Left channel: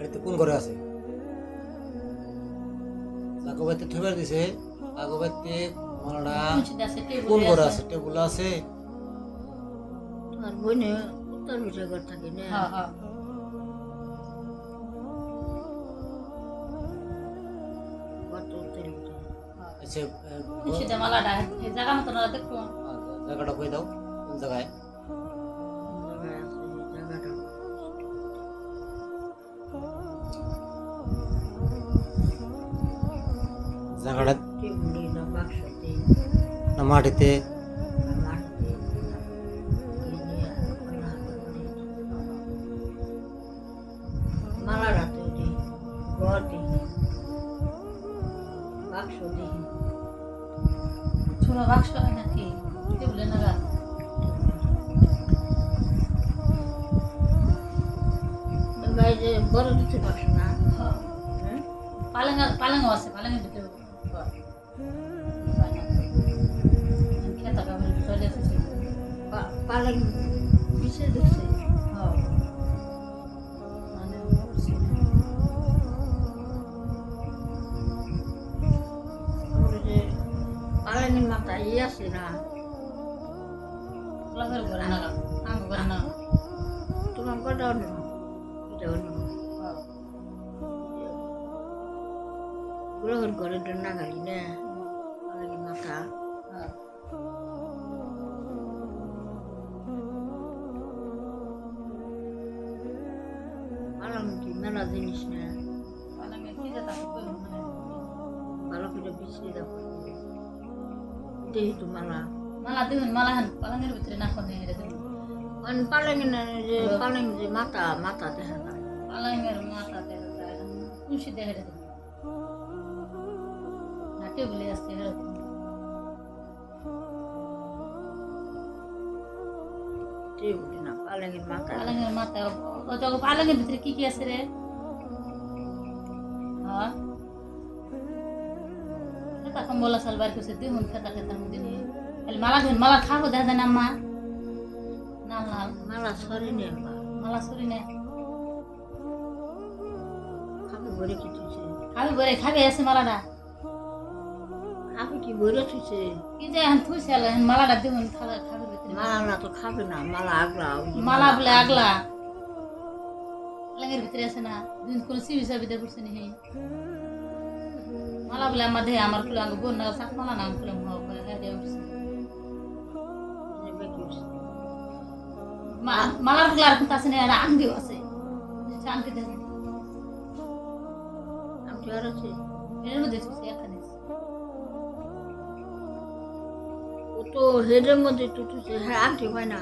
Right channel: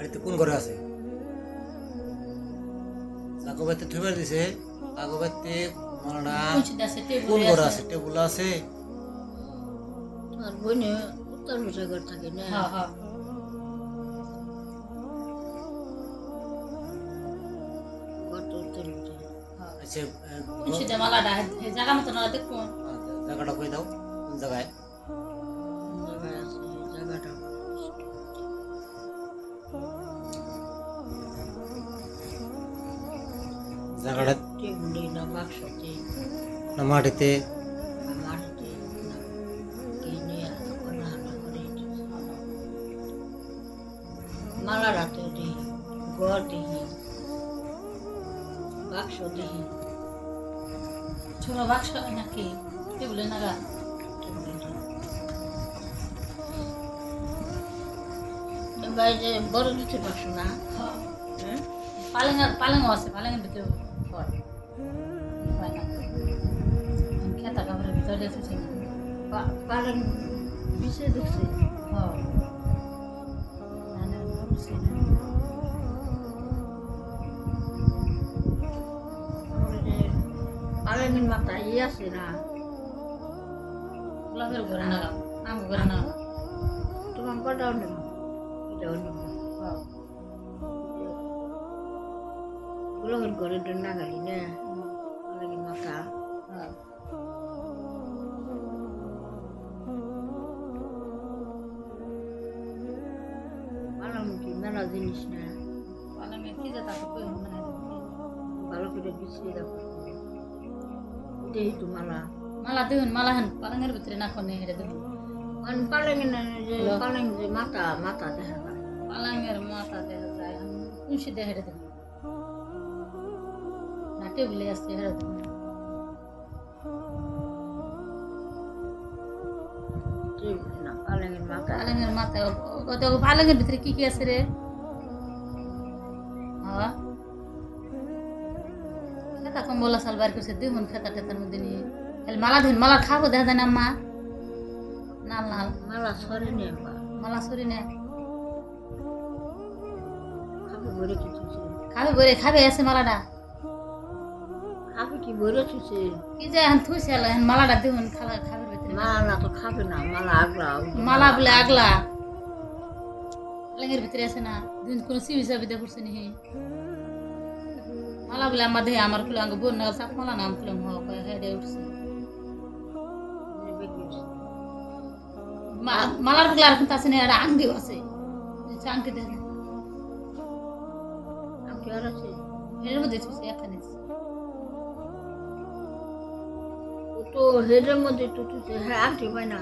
বাড়িতে কোন ঘরে আছে? কাকু বাড়িতে দিছে। কাকু বাড়িতে মালাটা আছে কোন ঘরে আছে? টেবুল আছে। আর বইনে উত্তর বসে ঘর থাকে না। হ্যাঁ হ্যাঁ। আচ্ছা আচ্ছা, জায়গাটা কই দাও? কোন জায়গায়? না বাক্সতে না মাটিতে মাটিতে মালা রাতে দিই ঘর দিই বাক্স দিই ছোট বাক্স নাকি টেবিলে নাগা যে বড় দুটো বাক্স না হ্যাঁ হ্যাঁ পালেং পালেং আছে পালেংয়ের ভিতরে পা- পালন বিছে ঢুকছে হ্যাঁ আমার যে পালনের মাথা ইয়ে আছে না লাগের ঘরে নাগা আম ঘরে না তোমার কটা অন্য এটা অন্য গ্রহের ঘরে না গালি না জিনিস না পালেংয়ের ভালো করে বিছিয়ে দাও। দেহি তো মালা। মালা দেখুন মালা হেন পালেংয়ের ভিতরে না কোনে হেরে দেখুন মানে পালনে না যে পালন যে মাথা মাথা দেখা যায় পালেংয়ের মাথা দেখা যায় কুঞ্চি দেখে হেরে দেখুন না টেবিলে আছে হেরে দেখুন টেবিল না পালনের মাথা। পালেংয়ের মাথা ওটা ভিতরে কি কি আছে রে? খেতা কম্বল আসাল বার করছে দেখুন খেতা খেতার মধ্যে নিয়ে। খালি মালা দিন মালা খাব দেখা যায় না নাল নাল। মালা সরে বা মালা সরি না। খাব থুছে খাবে আছে মালাটা। খাবে কি ভরে থুছে কি যায় এখন এখন মালাটা দেখুন খালা খাবে ভিতরে। মালা তো খাবে না মালা আগলা মালা বলে আগলা। ভিতরে আছে না দিন কোনো সিবি সাবি দিয়ে করছে নি মালা বলে আমার দেহে আমার কুলো আগে বোন না চাক মালা নাম কুলো হোক হ্যাঁ দিয়ে উঠছে? মালারগুলো আর কিন্তু আছে না আর আংটিও আছে আংটি দেখে জ্বর আছে এর মধ্যে এখানে তো হেডের মধ্যে থুছে হ্যাঁ আনতে পায় না